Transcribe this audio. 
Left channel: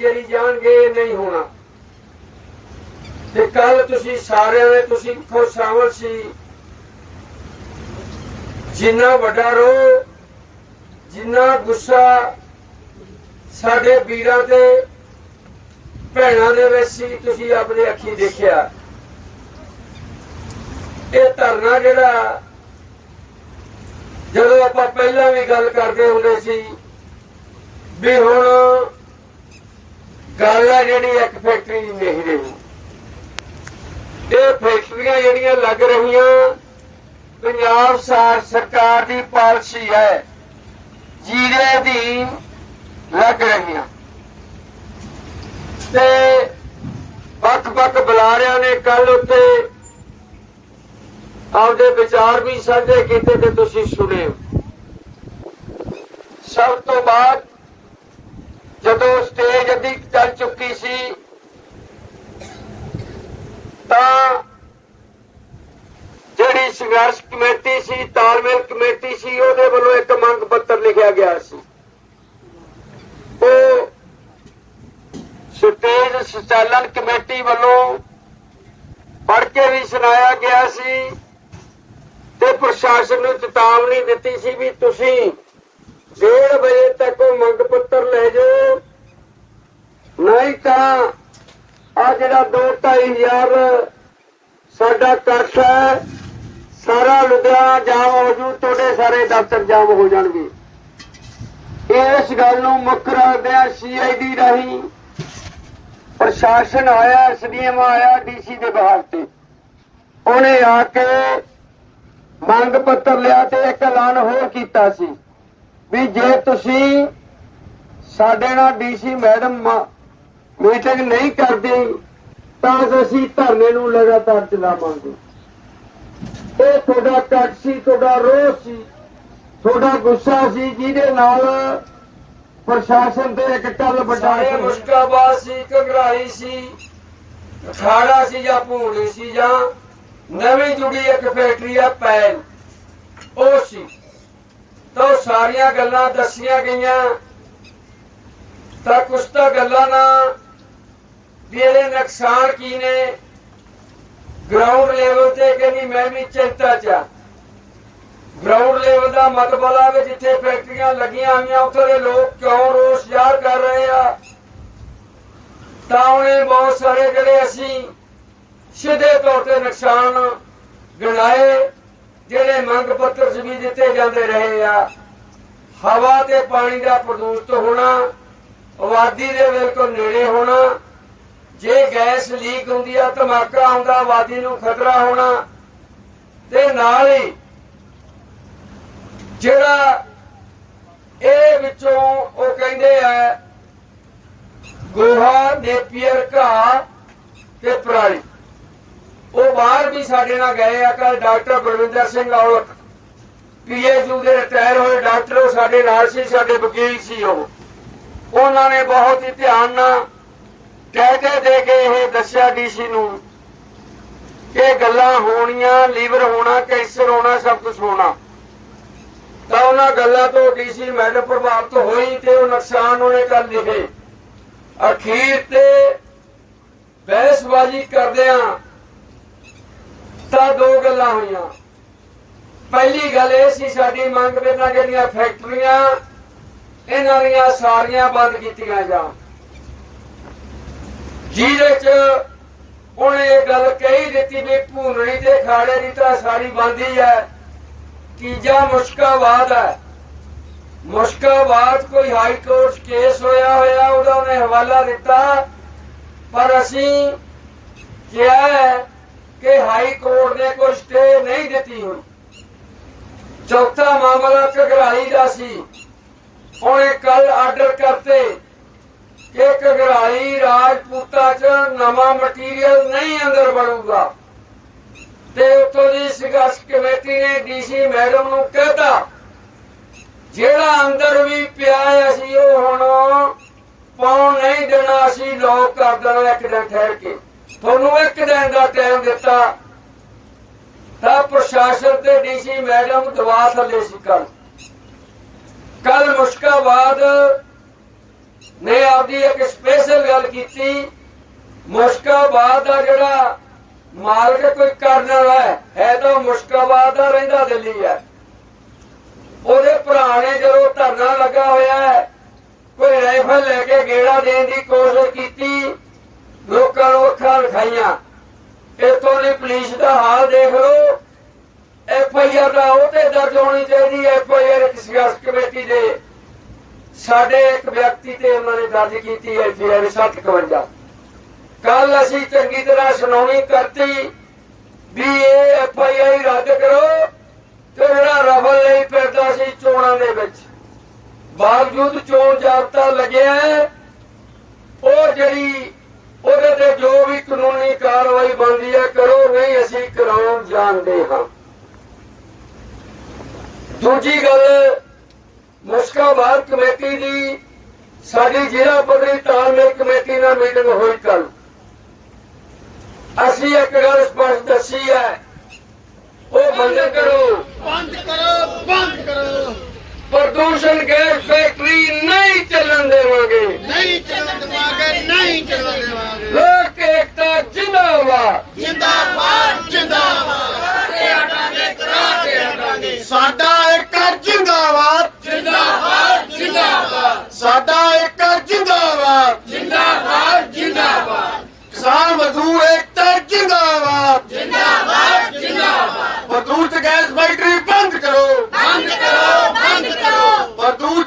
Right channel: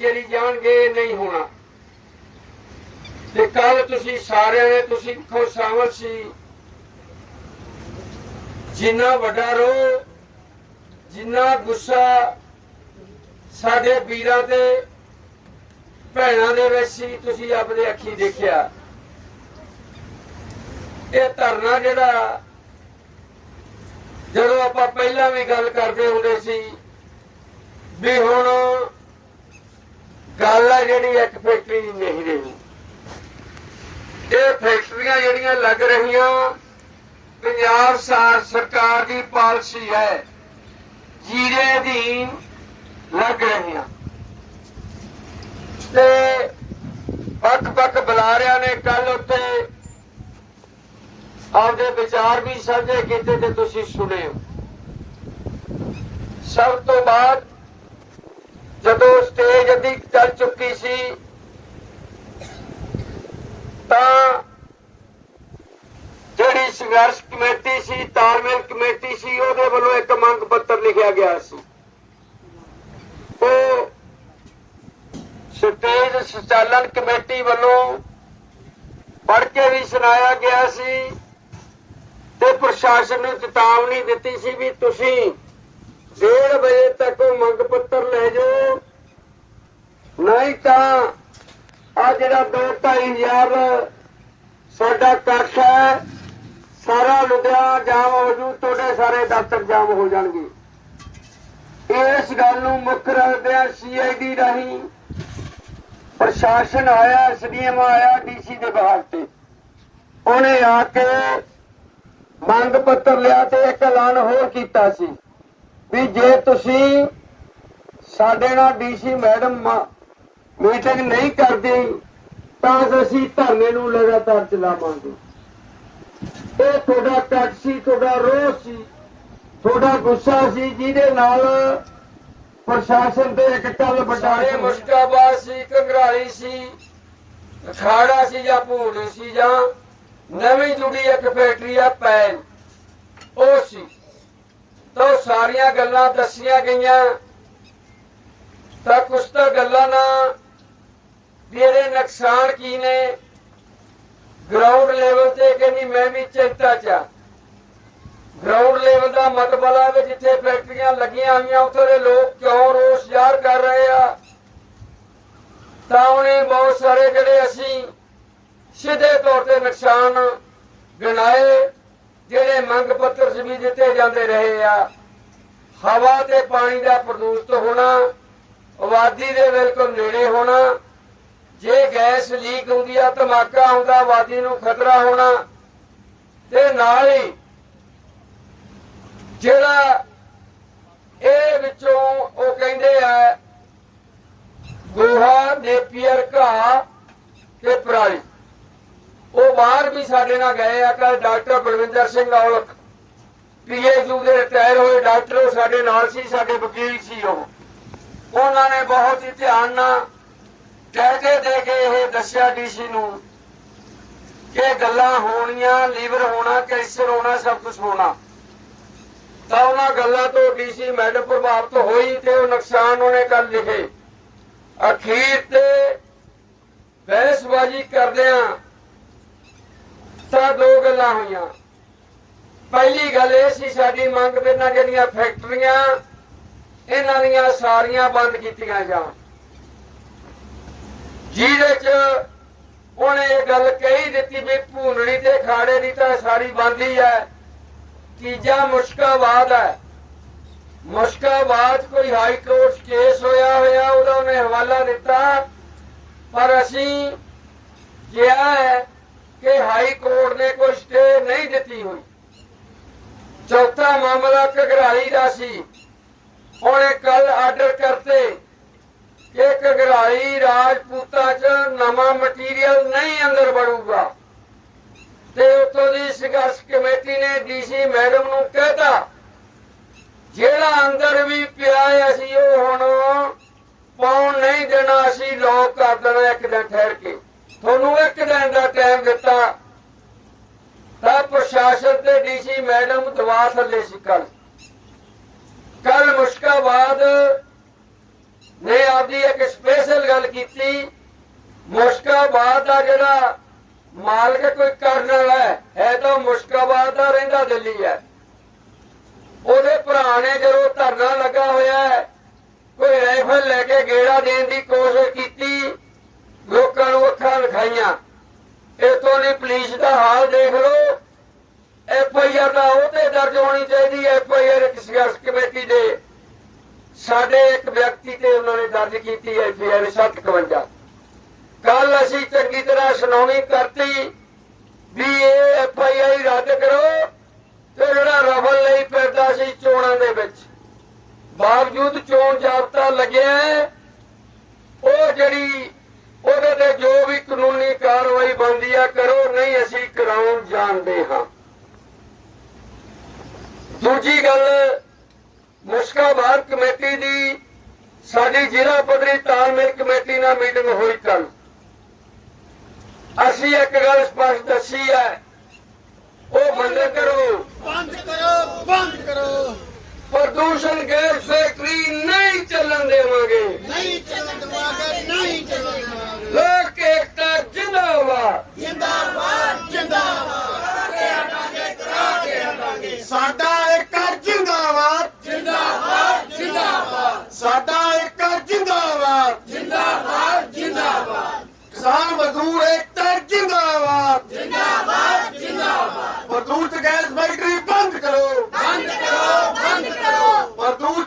ਜਿਹੜੀ ਜਾਣਗੇ ਨਹੀਂ ਹੋਣਾ। ਤੇ ਕੱਲ ਤੁਸੀਂ ਸਾਰਿਆਂ ਨੇ ਤੁਸੀਂ ਖੋ ਸ਼ਾਮਲ ਸੀ। ਜਿੰਨਾ ਵੱਡਾ ਰੋ ਜਿੰਨਾ ਗੁੱਸਾ ਸਾਡੇ ਵੀਰਾਂ ਤੇ, ਭੈਣਾਂ ਦੇ ਵਿੱਚ ਸੀ, ਤੁਸੀਂ ਆਪਣੀ ਅੱਖੀ ਦੇਖਿਆ। ਇਹ ਧਰਨਾ ਜਿਹੜਾ, ਜਦੋਂ ਆਪਾਂ ਪਹਿਲਾਂ ਵੀ ਗੱਲ ਕਰਦੇ ਹੁੰਦੇ ਸੀ, ਵੀ ਹੁਣ ਗੱਲ ਆ ਜਿਹੜੀ ਇੱਕ ਫੈਕਟਰੀ ਦੀ ਨਹੀਂ ਰਹੀ। ਇਹ ਫੈਕਟਰੀਆਂ ਜਿਹੜੀਆਂ ਲੱਗ ਰਹੀਆਂ, ਪੰਜਾਬ ਸਰਕਾਰ ਦੀ ਪਾਲਿਸੀ ਹੈ, ਜੀਰੇ ਅਧੀਨ ਲੱਗ ਰਹੀਆਂ। ਤੇ ਵੱਖ-ਵੱਖ ਬੁਲਾਰਿਆਂ ਨੇ ਕੱਲ ਉੱਥੇ ਆਪਦੇ ਵਿਚਾਰ ਵੀ ਸਾਂਝੇ ਕੀਤੇ ਤੇ ਤੁਸੀਂ ਸੁਣੇ ਸਭ ਤੋਂ ਬਾਅਦ ਜਦੋਂ ਸਟੇਜ ਅੱਧੀ ਚੱਲ ਚੁੱਕੀ ਸੀ, ਤਾਂ ਜਿਹੜੀ ਸੰਘਰਸ਼ ਕਮੇਟੀ ਸੀ, ਤਾਲਮੇਲ ਕਮੇਟੀ ਸੀ, ਉਹਦੇ ਵੱਲੋਂ ਇੱਕ ਮੰਗ ਪੱਤਰ ਲਿਖਿਆ ਗਿਆ ਸੀ। ਉਹ ਸਟੇਜ ਸੰਚਾਲਨ ਕਮੇਟੀ ਵੱਲੋਂ ਪੜ੍ਹ ਕੇ ਵੀ ਸੁਣਾਇਆ ਗਿਆ ਸੀ ਤੇ ਪ੍ਰਸ਼ਾਸਨ ਨੂੰ ਚੇਤਾਵਨੀ ਦਿੱਤੀ ਸੀ ਵੀ ਤੁਸੀਂ 1:30 ਵਜੇ ਤੱਕ ਉਹ ਮੰਗ ਨਹੀਂ ਤਾਂ ਆ ਜਿਹੜਾ 2-2500 ਸਾਡਾ ਇਕੱਠ ਹੈ, ਸਾਰਾ ਲੁਧਿਆਣਾ ਜਾਮ ਹੋ ਜੂ ਤੁਹਾਡੇ ਸਾਰੇ ਦਫ਼ਤਰ ਜਾਮ ਹੋ ਜਾਣਗੇ। ਇਸ ਗੱਲ ਨੂੰ ਮੁੱਖ ਰੱਖਦਿਆਂ ਸੀਆਈਡੀ ਰਾਹੀਂ ਪ੍ਰਸ਼ਾਸਨ ਆਇਆ ਐਸਡੀਐਮ ਆਇਆ ਡੀਸੀ ਦੇ ਬਾਹਰ ਤੇ। ਉਹਨੇ ਆ ਕੇ ਮੰਗ ਪੱਤਰ ਲਿਆ ਤੇ ਇੱਕ ਐਲਾਨ ਹੋਰ ਕੀਤਾ ਸੀ ਵੀ ਜੇ ਤੁਸੀਂ ਸਾਡੇ ਨਾਲ ਡੀਸੀ ਮੈਡਮ ਮੀਟਿੰਗ ਨਹੀਂ ਕਰਦੇ ਤਾਂ ਅਸੀਂ ਧਰਨੇ ਨੂੰ ਲਗਾਤਾਰ ਚਲਾਵਾਂਗੇ। ਇਹ ਤੁਹਾਡਾ ਕੱਟ ਸੀ ਤੁਹਾਡਾ ਰੋਹ ਸੀ ਤੁਹਾਡਾ ਗੁੱਸਾ ਸੀ ਜਿਹਦੇ ਨਾਲ ਪ੍ਰਸ਼ਾਸਨ ਤੇ ਇੱਕ ਕੱਲ ਬਟਾਲੇ ਮੁਸ਼ਕਾਬਾਦ ਸੀ ਘਗਰਾਈ ਸੀ ਅਖਾੜਾ ਸੀ ਜਾਂ ਭੂਲੀ ਸੀ ਜਾਂ ਨਵੀਂ ਜੁੜੀ ਇੱਕ ਫੈਕਟਰੀ ਆ ਪੈਨ ਉਹ ਸੀ। ਤਾਂ ਸਾਰੀਆਂ ਗੱਲਾਂ ਦੱਸੀਆਂ ਗਈਆਂ। ਤਾਂ ਕੁਛ ਤਾਂ ਗੱਲਾਂ ਨਾ ਵੀ ਇਹਦੇ ਨੁਕਸਾਨ ਕੀ ਨੇ? ਗਰਾਊਂਡ ਲੈਵਲ ਤੇ ਕਹਿੰਦੀ ਮੈਂ ਵੀ ਚਿੰਤਾ ਚ ਆ। ਗਰਾਊਂਡ ਲੈਵਲ ਦਾ ਮਤਲਬ ਆ ਵੀ ਜਿੱਥੇ ਫੈਕਟਰੀਆਂ ਲੱਗੀਆਂ ਹੋਈਆਂ, ਉੱਥੇ ਦੇ ਲੋਕ ਕਿਉਂ ਰੋਸ ਜ਼ਾਹਰ ਕਰ ਰਹੇ ਆ? ਤਾਂ ਉਹਨੇ ਬਹੁਤ ਸਾਰੇ ਜਿਹੜੇ ਅਸੀਂ ਸਿੱਧੇ ਤੌਰ ਤੇ ਨੁਕਸਾਨ ਗਿਣਾਏ, ਜਿਹੜੇ ਮੰਗ ਪੱਤਰ 'ਚ ਵੀ ਦਿੱਤੇ ਜਾਂਦੇ ਰਹੇ ਆ। ਹਵਾ ਤੇ ਪਾਣੀ ਦਾ ਪ੍ਰਦੂਸ਼ਿਤ ਹੋਣਾ, ਆਬਾਦੀ ਦੇ ਬਿਲਕੁਲ ਨੇੜੇ ਹੋਣਾ ਜੇ ਗੈਸ ਲੀਕ ਹੁੰਦੀ ਆ, ਧਮਾਕਾ ਹੁੰਦਾ, ਆਬਾਦੀ ਨੂੰ ਖਤਰਾ ਹੋਣਾ, ਤੇ ਨਾਲ ਹੀ ਜਿਹੜਾ ਇਹ ਵਿੱਚੋਂ ਉਹ ਕਹਿੰਦੇ ਆ, ਗੋਹਾ, ਨੇਪੀਅਰ ਘਾ ਤੇ ਪਰਾਲੀ। ਉਹ ਬਾਹਰ ਵੀ ਸਾਡੇ ਨਾਲ ਗਏ ਆ ਕੱਲ ਡਾਕਟਰ ਬਲਵਿੰਦਰ ਸਿੰਘ ਔਲਖ ਪੀਏਯੂ ਦੇ ਰਿਟਾਇਰ ਹੋਏ ਡਾਕਟਰ ਸਾਡੇ ਨਾਲ ਸੀ, ਸਾਡੇ ਵਕੀਲ ਸੀ ਉਹ। ਉਹਨਾਂ ਨੇ ਬਹੁਤ ਹੀ ਧਿਆਨ ਨਾਲ ਕਹਿ ਕੇ ਦੇ ਕੇ ਇਹ ਦੱਸਿਆ ਡੀਸੀ ਨੂੰ ਕਿ ਗੱਲਾਂ ਹੋਣੀਆਂ, ਲੀਵਰ ਹੋਣਾ, ਕੈਂਸਰ ਹੋਣਾ, ਸਭ ਕੁਝ ਹੋਣਾ। ਤਾਂ ਉਹਨਾਂ ਗੱਲਾਂ ਤੋਂ ਡੀਸੀ ਮੈਡਮ ਪ੍ਰਭਾਵਿਤ ਹੋਈ ਤੇ ਉਹ ਨੁਕਸਾਨ ਉਹਨੇ ਕਰ ਲਿਖੇ ਅਖੀਰ ਤੇ ਬਹਿਸਬਾਜ਼ੀ ਕਰਦਿਆਂ ਤਾਂ ਦੋ ਗੱਲਾਂ ਹੋਈਆਂ। ਪਹਿਲੀ ਗੱਲ ਇਹ ਸੀ, ਸਾਡੀ ਮੰਗ ਬਿਨਾਂ ਜਿਹੜੀਆਂ ਫੈਕਟਰੀਆਂ, ਇਹਨਾਂ ਦੀਆਂ ਸਾਰੀਆਂ ਬੰਦ ਕੀਤੀਆਂ ਜਾਣ। ਜਿਹਦੇ ਚ ਉਹਨੇ ਇਹ ਗੱਲ ਕਹੀ ਦਿੱਤੀ ਵੀ ਭੂਨਣੀ ਤੇ ਖਾੜੇ ਦੀ ਤਾਂ ਸਾਰੀ ਬੰਦ ਹੈ। ਤੀਜਾ ਮੁਸ਼ਕਾਬਾਦ ਹੈ। ਮੁਸ਼ਕਾਬਾਦ ਕੋਈ ਹਾਈ ਕੋਰਟ ਕੇਸ ਹੋਇਆ ਹੋਇਆ ਉਹਦਾ ਉਹਨੇ ਹਵਾਲਾ ਦਿੱਤਾ। ਪਰ ਅਸੀਂ ਕਿਹਾ ਹੈ ਕਿ ਹਾਈ ਕੋਰਟ ਨੇ ਕੋਈ ਸਟੇ ਨਹੀਂ ਦਿੱਤੀ ਹੋਈ। ਚੌਥਾ ਮਾਮਲਾ ਘਗਰਾਲੀ ਦਾ ਸੀ। ਉਹਨੇ ਕੱਲ ਆਰਡਰ ਕਰਤੇ। ਕਿ ਘਗਰਾਲੀ ਰਾਜਪੂਤਾ ਚ ਨਵਾਂ ਮਟੀਰੀਅਲ ਨਹੀਂ ਅੰਦਰ ਬਣੂਗਾ। ਤੇ ਉੱਥੋਂ ਦੀ ਸੰਘਰਸ਼ ਕਮੇਟੀ ਨੇ ਡੀਸੀ ਮੈਡਮ ਨੂੰ ਕਹਿਤਾ, ਜਿਹੜਾ ਅੰਦਰ ਵੀ ਪਿਆ ਹੈ, ਅਸੀਂ ਉਹ ਹੁਣ ਪਾਉਣ ਨਹੀਂ ਦੇਣਾ, ਅਸੀਂ ਲੋਕ ਕਰ ਦੇਣਾ ਇੱਕ ਦਿਨ ਠਹਿਰ ਕੇ। ਤੁਹਾਨੂੰ ਇੱਕ ਦਿਨ ਦਾ ਟਾਈਮ ਦਿੱਤਾ। ਤਾਂ ਪ੍ਰਸ਼ਾਸਨ ਤੇ ਡੀਸੀ ਮੈਡਮ ਦਵਾ ਥੱਲੇ ਸੀ ਕੱਲ ਕੱਲ ਮੁਸ਼ਕਾਬਾਦ ਨੇ ਆਪਦੀ ਇੱਕ ਸਪੈਸ਼ਲ ਗੱਲ ਕੀਤੀ। ਮੁਸ਼ਕਾਬਾਦ ਦਾ ਜਿਹੜਾ ਮਾਲਕ ਕੋਈ ਕਰਨ ਵਾਲਾ ਹੈ ਤਾਂ ਮੁਸ਼ਕਾਬਾਦ ਦਾ ਰਹਿੰਦਾ ਦਿੱਲੀ ਹੈ। ਉਹਦੇ ਭਰਾ ਨੇ ਜਦੋਂ ਧਰਨਾ ਲੱਗਾ ਹੋਇਆ ਹੈ, ਕੋਈ ਰਾਈਫਲ ਲੈ ਕੇ ਗੇੜਾ ਦੇਣ ਦੀ ਕੋਸ਼ਿਸ਼ ਕੀਤੀ, ਲੋਕਾਂ ਨੂੰ ਅੱਖਾਂ ਵਿਖਾਈਆਂ। ਇਥੋਂ ਦੀ ਪੁਲਿਸ ਦਾ ਹਾਲ ਦੇਖ ਲਓ। ਐਫ ਆਈ ਆਰ ਦਾ ਉਹ ਦਰਜ ਹੋਣੀ ਚਾਹੀਦੀ ਐਫ ਆਈ ਆਰ ਇੱਕ ਸੰਘਰਸ਼ ਕਮੇਟੀ ਦੇ। ਸਾਡੇ ਇੱਕ ਵਿਅਕਤੀ ਤੇ ਉਹਨਾਂ ਨੇ ਦਰਜ ਕੀਤੀ ਹੈ ਐਫ ਆਈ ਆਰ 751 ਕੱਲ ਅਸੀਂ ਚੰਗੀ ਤਰ੍ਹਾਂ ਸੁਣਾਉਣੀ ਕਰਤੀ ਵੀ ਇਹ ਐਫ ਆਈ ਆਰ ਰੱਦ ਕਰੋ ਤੇ ਜਿਹੜਾ ਰਫਲ ਲਈ ਫਿਰਦਾ ਸੀ ਚੋਣਾਂ ਦੇ ਵਿੱਚ। ਬਾਵਜੂਦ ਚੋਣ ਜਾਬਤਾ ਲੱਗਿਆ ਉਹ ਜਿਹੜੀ ਉਹਦੇ ਤੇ ਜੋ ਵੀ ਕਾਨੂੰਨੀ ਕਾਰਵਾਈ ਬਣਦੀ ਹੈ, ਕਰੋ, ਨਹੀਂ ਅਸੀਂ ਕਰਾਉਣ ਜਾਣਦੇ ਹਾਂ। ਦੂਜੀ ਗੱਲ ਮੁਸ਼ਕਾਬਾਦ ਕਮੇਟੀ ਦੀ ਸਾਡੀ ਜ਼ਿਲ੍ਹਾ ਪੱਧਰੀ ਤਾਲਮੇਲ ਕਮੇਟੀ ਨਾਲ ਮੀਟਿੰਗ ਹੋਈ ਕੱਲ ਅਸੀਂ ਇੱਕ ਗੱਲ ਸਪਸ਼ਟ ਦੱਸੀ ਹੈ ਉਹ ਬੰਦ ਕਰੋ। ਬੰਦ ਕਰੋ ਬੰਦ ਕਰੋ। ਪ੍ਰਦੂਸ਼ਣ ਗੈਸ ਫੈਕਟਰੀ ਨਹੀਂ ਚੱਲਣ ਦੇਵਾਂਗੇ। ਨਹੀਂ ਚੱਲਣ ਦੇਵਾਂਗੇ ਨਹੀਂ ਚੱਲਣ ਦੇਵਾਂਗੇ। ਲੋਕ ਏਕਤਾ ਜਿੰਦਾਬਾਦ। ਜਿੰਦਾਬਾਦ। ਜਿੰਦਾਬਾਦ ਜਿੰਦਾਬਾਦ। ਕਿਸਾਨ ਮਜ਼ਦੂਰ ਏਕਤਾ ਜਿੰਦਾਬਾਦ। ਜਿੰਦਾਬਾਦ ਜਿੰਦਾਬਾਦ। ਮਜ਼ਦੂਰ ਗੈਸ ਫੈਕਟਰੀ ਬੰਦ ਕਰੋ। ਬੰਦ ਕਰੋ ਬੰਦ ਕਰੋ। ਮਜ਼ਦੂਰ